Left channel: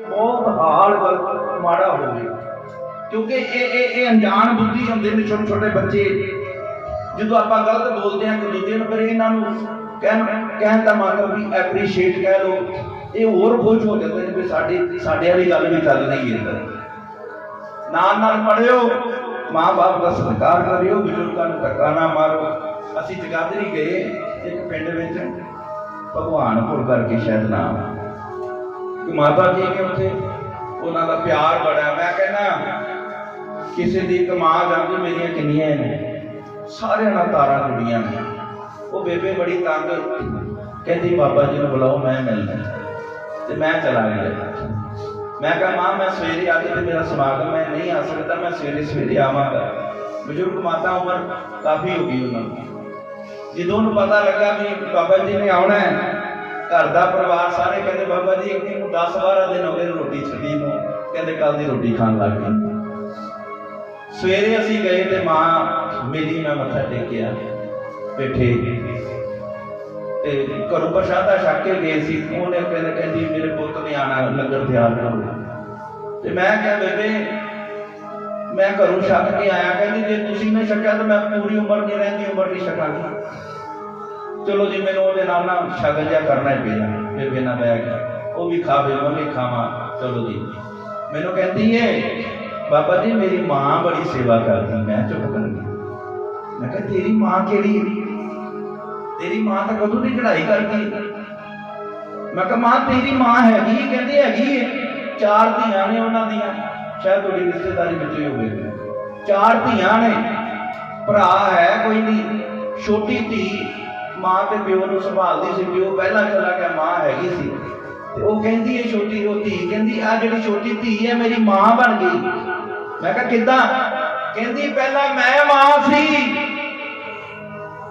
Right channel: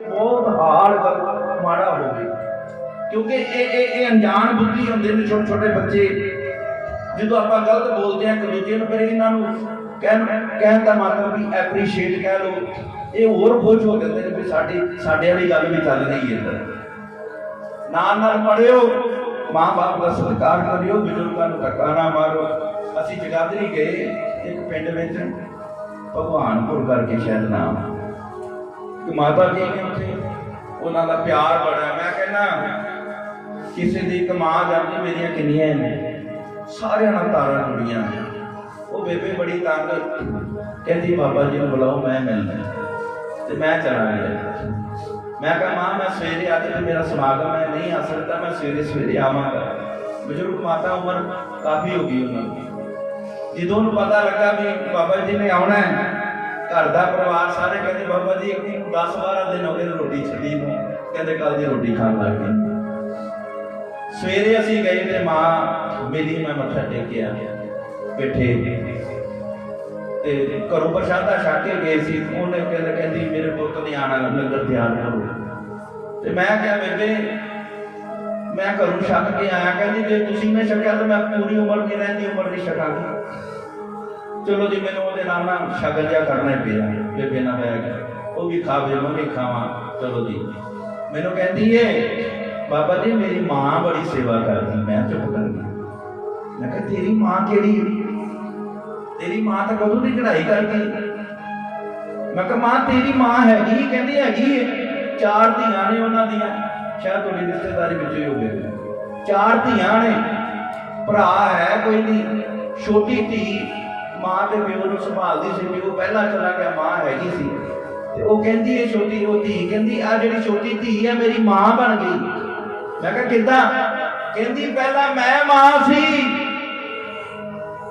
ਬਹੁਤ ਹਾਲ ਗੱਲ ਮਾੜਾ ਹੋ ਗਿਆ। ਕਿਉਂਕਿ ਇਹ ਇਹ ਇਹ ਅਣਜਾਣ ਬੁੱਧੀ ਹੁੰਦੇ ਨੇ ਛੋਟੇ ਛੋਟੇ ਬੱਚੇ। ਜਦੋਂ ਆਪਾਂ ਗਲਤ ਬੋਲਦੇ ਹਾਂ ਇੱਕ ਦੂਜੇ ਨੂੰ, ਫਿਰ ਇਹਨਾਂ ਨੂੰ ਕਹਿਣ ਕਹਿਣ ਦਾ ਮਤਲਬ ਵੀ ਐਪਰੀਸ਼ੀਏਟ ਕਹਿ ਲੋ ਇਹ ਹੋਰ ਖੁਸ਼ ਹੋ ਜਾਂਦੇ ਨੇ ਵੀ ਸਾਡੀ ਸਾਡੇ ਵਾਲੀ ਗੱਲ ਵੀ ਚੱਲ ਰਹੀ ਹੈ ਇੱਧਰ। ਨਾਲ ਨਾਲ ਪੜਿਓ ਮਾਂ-ਬਾਪ ਦਾ ਸਤਿਕਾਰ ਕਰਿਓ, ਬਜ਼ੁਰਗਾਂ ਨੂੰ ਧੱਕਾ ਨਾ ਮਾਰੋ। ਅਸੀਂ ਜਗਾਦਰੀ ਗਏ, ਇੱਕ ਪਿੰਡ ਵਿੱਚ ਭਗਵਾਨਪੁਰ ਕਰਕੇ ਸ਼ਾਇਦ ਨਾਮ। ਕਿ ਮਾਤਾ ਜੀ ਕਿ ਉੱਥੇ, ਉਹਨਾਂ ਦਾ ਪਿਆਰ ਬੜਾ ਮੈਂ ਕਹਿੰਦਾ, ਕਿਸੇ ਦੀ ਇੱਕ ਜਾਂਦੀ, ਮੇਰੀਆਂ ਕਿੰਨੀਆਂ ਨੇ? ਸਾਰਿਆਂ ਨਾਲ ਤਾਰਾਂ ਜੁੜੀਆਂ ਨੇ। ਉਹ ਬੇਬੇ ਬੜੀ ਤੰਗ ਕਹਿੰਦੀ, ਬਾਬਾ ਜੀ ਨੂੰ ਬੁਲਾਓ, ਮੈਂ ਮਿਲਣਾ ਤੇ ਮੈਂ ਚਲਾ ਗਿਆ। ਮੈਂ ਕਿਹਾ, ਮਾਂ, ਮੈਂ ਸਵੇਰੇ ਅੱਜ ਤੇ ਮੇਰਾ ਸਮਾਗਮ ਹੈ, ਨਹੀਂ ਆ ਸਕਦਾ, ਮੈਂ ਸਵੇਰੇ ਸਵੇਰੇ ਆਵਾਂਗਾ। ਬਜ਼ੁਰਗ ਮਾਤਾ ਉਮਰ ਕਾਫੀ ਹੋ ਗਈ ਉਹਨਾਂ ਦੀ ਜਦੋਂ ਉਹਨੂੰ ਪਤਾ ਲੱਗਾ ਵੀ ਬਾਬਾ ਜੀ ਨੇ ਆਉਣਾ ਹੈ ਘਰ ਦਾ ਪਰਿਵਾਰ ਸਾਰੇ ਕਹਿੰਦੇ, ਬਾਬਾ ਜੀ ਇੱਕ ਨੂੰ 10 12 ਦਿਨ ਹੋ ਗਏ ਰੋਟੀ ਛੱਡੀ ਨੂੰ। ਕਹਿੰਦੇ ਕੱਲ ਦੀ ਰੋਟੀ ਖਾਣ ਲੱਗ ਗਏ ਸਵੇਰੇ ਅਸੀਂ ਗਏ ਤੇ ਮਾਂ ਮੇਰੀ ਮੈਂ ਮੱਥਾ ਟੇਕਿਆ ਬੈਠੇ ਤੇ ਘਰੋਂ ਪ੍ਰਸ਼ਾਦਾ ਛਕ ਕੇ ਗਏ ਸੀ। ਉਹਨੇ ਕਹਿੰਦੇ ਕਹਿੰਦੀ, ਮੇਰੇ ਪੁੱਤ ਨੇ ਆਣਾ, ਲੰਗਰ ਤਿਆਰ ਕਰੋ ਤੇ ਮੈਂ ਕਿਹਾ, ਬੇਬੇ, ਮੈਂ ਘਰੋਂ ਛੱਕ ਕੇ ਆਇਆ। ਕਹਿੰਦੀ, ਜੇ ਤੁਸੀਂ ਨਾ ਛਕਿਆ ਤਾਂ ਮੈਂ ਪੂਰੀ ਉਮਰ ਨਹੀਂ ਰਹਿੰਦੀ, ਉਮਰ ਨਹੀਂ ਛਕਾਂਗੀ। ਚਲੋ ਜੀ, ਮੈਨੂੰ ਉਹਦੇ ਨਾਲ ਨਾ ਸ਼ਗਨ ਜਿਹਾ ਕਰਨਾ ਹੀ ਪਿਆ। ਬੇਬੇ ਨਾਲ ਬਹਿ ਕੇ। ਉਹ ਵੀ ਖਾਵੇ ਮੈਂ ਵੀ ਖਾਵਾਂ। ਚਲੋ ਜੀ। ਮੈਨੂੰ ਕਹਿੰਦੀ ਏ, ਬਾਬਾ ਜੀ, ਮੇਰੀ ਮਾਂ ਬੜੀ ਸੇਵਾ ਕਰਦੀ ਮੈਂ ਚੁੱਪ ਕਰ ਗਿਆ। ਮੈਂ ਕਿਹਾ, ਤੇਰੀ ਮਾਂ ਕਿਹੜੀ ਤੇਰੀ ਮਾਂ ਤਾਂ ਕਦੋਂ ਦੀ ਕਢਾਈ ਕਰਦੀ ਮੈਂ ਕਿਹਾ, ਮਾਂ, ਤੇਰੀ ਮਾਂ ਹੈਗੀ ਕਹਿੰਦੀ, ਹੈਗੀ ਏ। ਚਾਰ ਧੀਆਂ ਨੇ ਉਹਨਾਂ ਦੀਆਂ। ਸ਼ਾਇਦ ਤੁਹਾਡੀ ਰਿਸ਼ਤੇਦਾਰੀ ਵਿੱਚ ਹੀ ਹੋਵੇ। ਚਾਰ ਧੀਆਂ ਨੇ। ਭਰਾ ਹੈ ਕੋਈ ਨਹੀਂ। ਛੋਟੀ ਧੀ ਮਾਂ ਤੇ ਪਿਓ ਨੂੰ ਸੰਭਾਲਦੀ ਸੀ ਪਿਓ ਪਹਿਲਾਂ ਚਲਾ ਗਿਆ, ਮਾਂ ਹੈਗੀ ਸੀ। ਤੇ ਉਹ ਕਹਿੰਦੀ ਹੈ ਛੋਟੀ, ਉਹ ਧੀ ਕਹਿੰਦੀ ਆ ਜਿਹੜੀ ਛੋਟੀ ਧੀ ਹੈ, ਮੇਰੀ ਮਾਂ ਬਣ ਗਈ। ਮੈਂ ਕਿਹਾ, ਕਿੱਦਾਂ? ਕਹਿੰਦੀ, ਪਹਿਲਾਂ ਮੈਂ ਮਾਂ ਸੀ।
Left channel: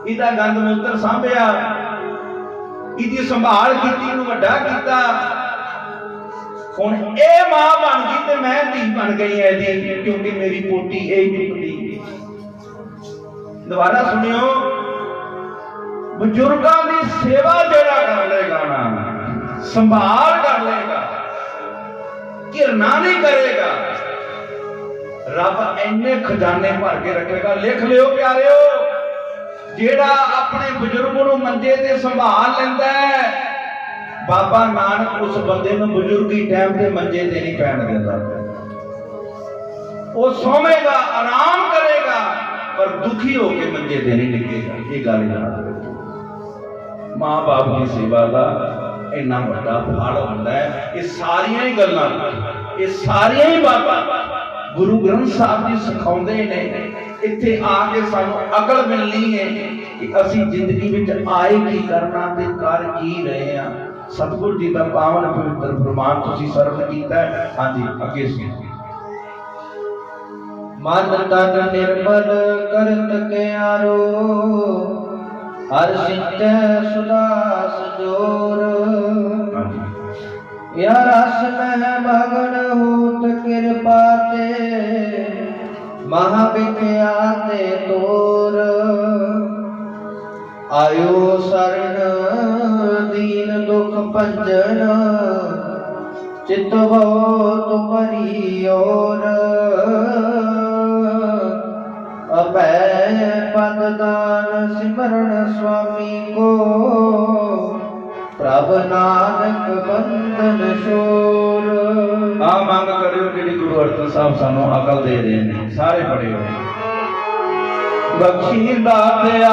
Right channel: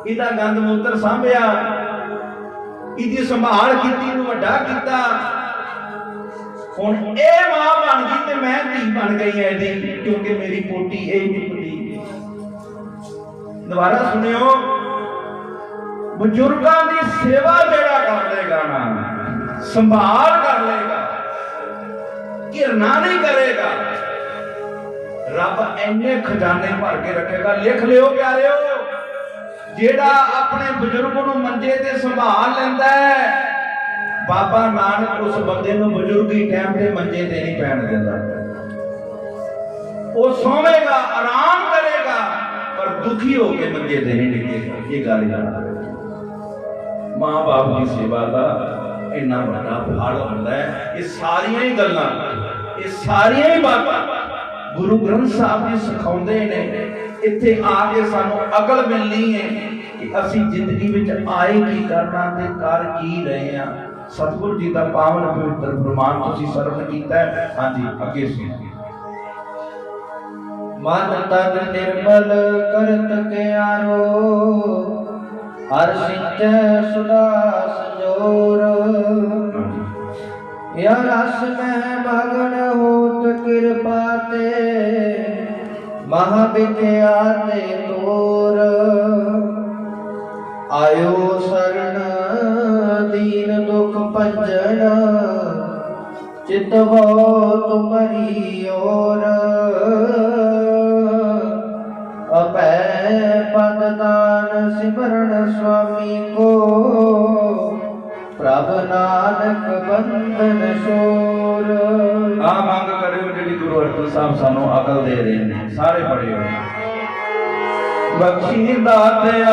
ਇਹਦਾ ਗੰਦ ਮੂਤਰ ਸਾਂਭਿਆ। ਇਹਦੀ ਸੰਭਾਲ ਕੀਤੀ ਨੂੰ ਵੱਡਾ ਕੀਤਾ। ਹੁਣ ਇਹ ਮਾਂ ਬਣ ਗਈ ਤੇ ਮੈਂ ਧੀ ਬਣ ਗਈ ਐ ਦੀ ਕਿਉਂਕਿ ਮੇਰੀ ਪੋਟੀ ਇਹ ਨਿਕਲੀ। ਦੁਬਾਰਾ ਸੁਣਿਓ। ਬਜ਼ੁਰਗਾਂ ਦੀ ਸੇਵਾ ਜਿਹੜਾ ਕਰ ਲੇਗਾ ਨਾ, ਸੰਭਾਲ ਕਰ ਲੇਗਾ, ਘਿਰਨਾ ਨਹੀਂ ਕਰੇਗਾ। ਰੱਬ ਇੰਨੇ ਖਜ਼ਾਨੇ ਭਰ ਕੇ ਰੱਖੇਗਾ। ਲਿਖ ਲਿਓ ਪਿਆਰਿਓ, ਜਿਹੜਾ ਆਪਣੇ ਬਜ਼ੁਰਗ ਨੂੰ ਮੰਜੇ ਤੇ ਸੰਭਾਲ ਲੈਂਦਾ ਹੈ, ਬਾਬਾ ਨਾਨਕ ਉਸ ਬੰਦੇ ਨੂੰ ਬਜ਼ੁਰਗੀ ਟਾਈਮ ਤੇ ਮੰਜੇ ਤੇ ਨਹੀਂ ਪੈਣ ਦਿੰਦਾ। ਉਹ ਸੋਵੇਗਾ, ਆਰਾਮ ਕਰੇਗਾ, ਪਰ ਦੁਖੀ ਹੋ ਕੇ ਮੰਜੇ ਤੇ ਨਹੀਂ ਡਿੱਗੇਗਾ ਇਹ ਗੱਲ ਯਾਦ ਰੱਖੋ। ਮਾਂ ਬਾਪ ਦੀ ਸੇਵਾ ਦਾ ਇੰਨਾ ਵੱਡਾ ਫਲ ਹੁੰਦਾ ਹੈ। ਇਹ ਸਾਰੀਆਂ ਹੀ ਗੱਲਾਂ, ਇਹ ਸਾਰੀਆਂ ਹੀ ਬਾਤਾਂ ਗੁਰੂ ਗ੍ਰੰਥ ਸਾਹਿਬ ਜੀ ਸਿਖਾਉਂਦੇ ਨੇ। ਇੱਥੇ ਆ ਕੇ ਸਾਨੂੰ ਅਕਲ ਮਿਲਣੀ ਹੈ ਕਿ ਅਸੀਂ ਜ਼ਿੰਦਗੀ ਵਿੱਚ ਆਏ ਕੀ ਕਰਨਾ ਤੇ ਕਰ ਕੀ ਰਹੇ ਹਾਂ। ਸਤਿਗੁਰ ਜੀ ਦਾ ਪਾਵਨ ਪਵਿੱਤਰ ਫਰਮਾਨ ਤੁਸੀਂ ਸਰਵ ਕੀਤਾ ਹੈ। ਹਾਂਜੀ, ਅੱਗੇ ਸੁਣੋ। ਮਨ ਤਨ ਨਿਰਮਲ ਕਰਤ ਕਿਆਰੋ ਹਰ ਸਿੰਚੈ ਸੁਦਾ ਸੰਜੋਰ। ਹਾਂਜੀ। ਯਾ ਰਸ ਮਹਿ ਮਗਨ ਹੂਤ ਕਿਰਪਾ ਤੇ ਮਹਾ ਵਿਖਿਆਤੇ ਤੋਰ। ਆਇਓ ਸਰਣ ਦੀਨ ਦੁਖ ਭੰਜਨ ਚਿਤਵੋ ਤੁਮਰੀ ਓਰ ਆ ਮੰਗ ਕਰਿਓ ਜਿਹੜੀ ਗੁਰੂ ਅਰਜਨ ਸਾਹਿਬ ਸਾਨੂੰ ਅਕਲ ਦੇ ਰਹੇ ਨੇ, ਸਾਰੇ ਪੜਿਓ ਬਖਸ਼ੀ ਦਾਤਿਆ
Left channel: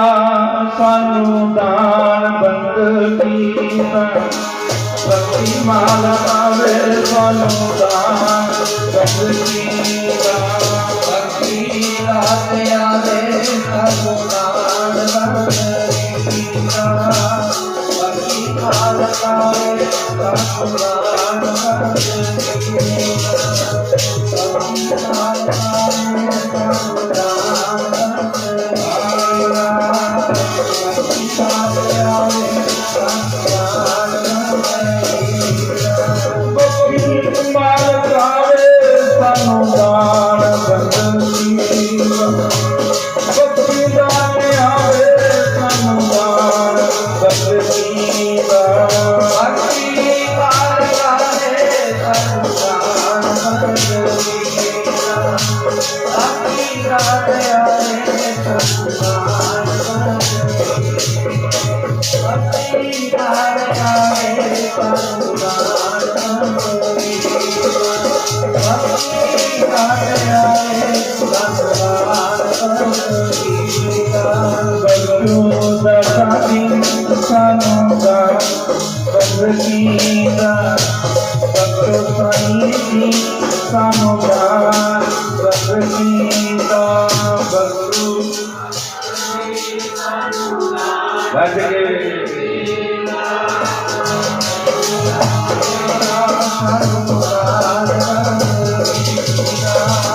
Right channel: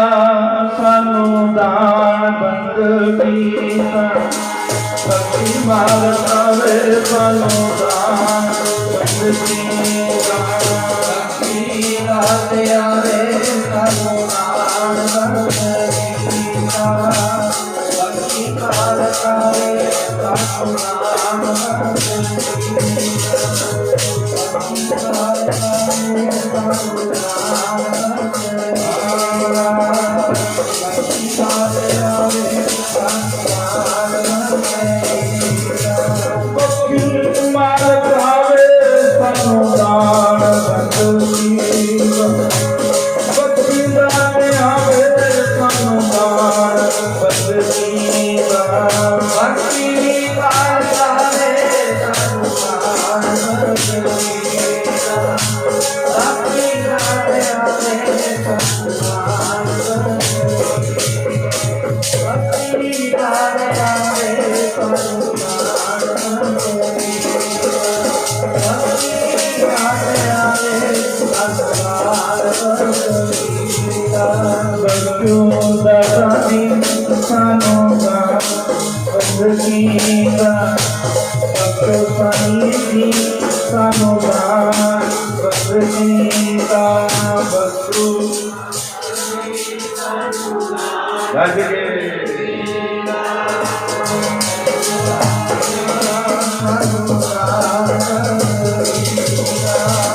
ਸਾਨੂੰ ਦਾਨ ਬੰਦਗੀ ਬਖਸ਼ੀ ਮਾਲ ਆਵੇ ਸਾਨੂੰ ਦਾਨ ਬੰਦਗੀ ਦਿਨ ਸਾਨੂੰ ਦਾ ਬੰਦਗੀ ਦਾ ਬਖਸ਼ੋ ਸਾਨੀ ਦੀ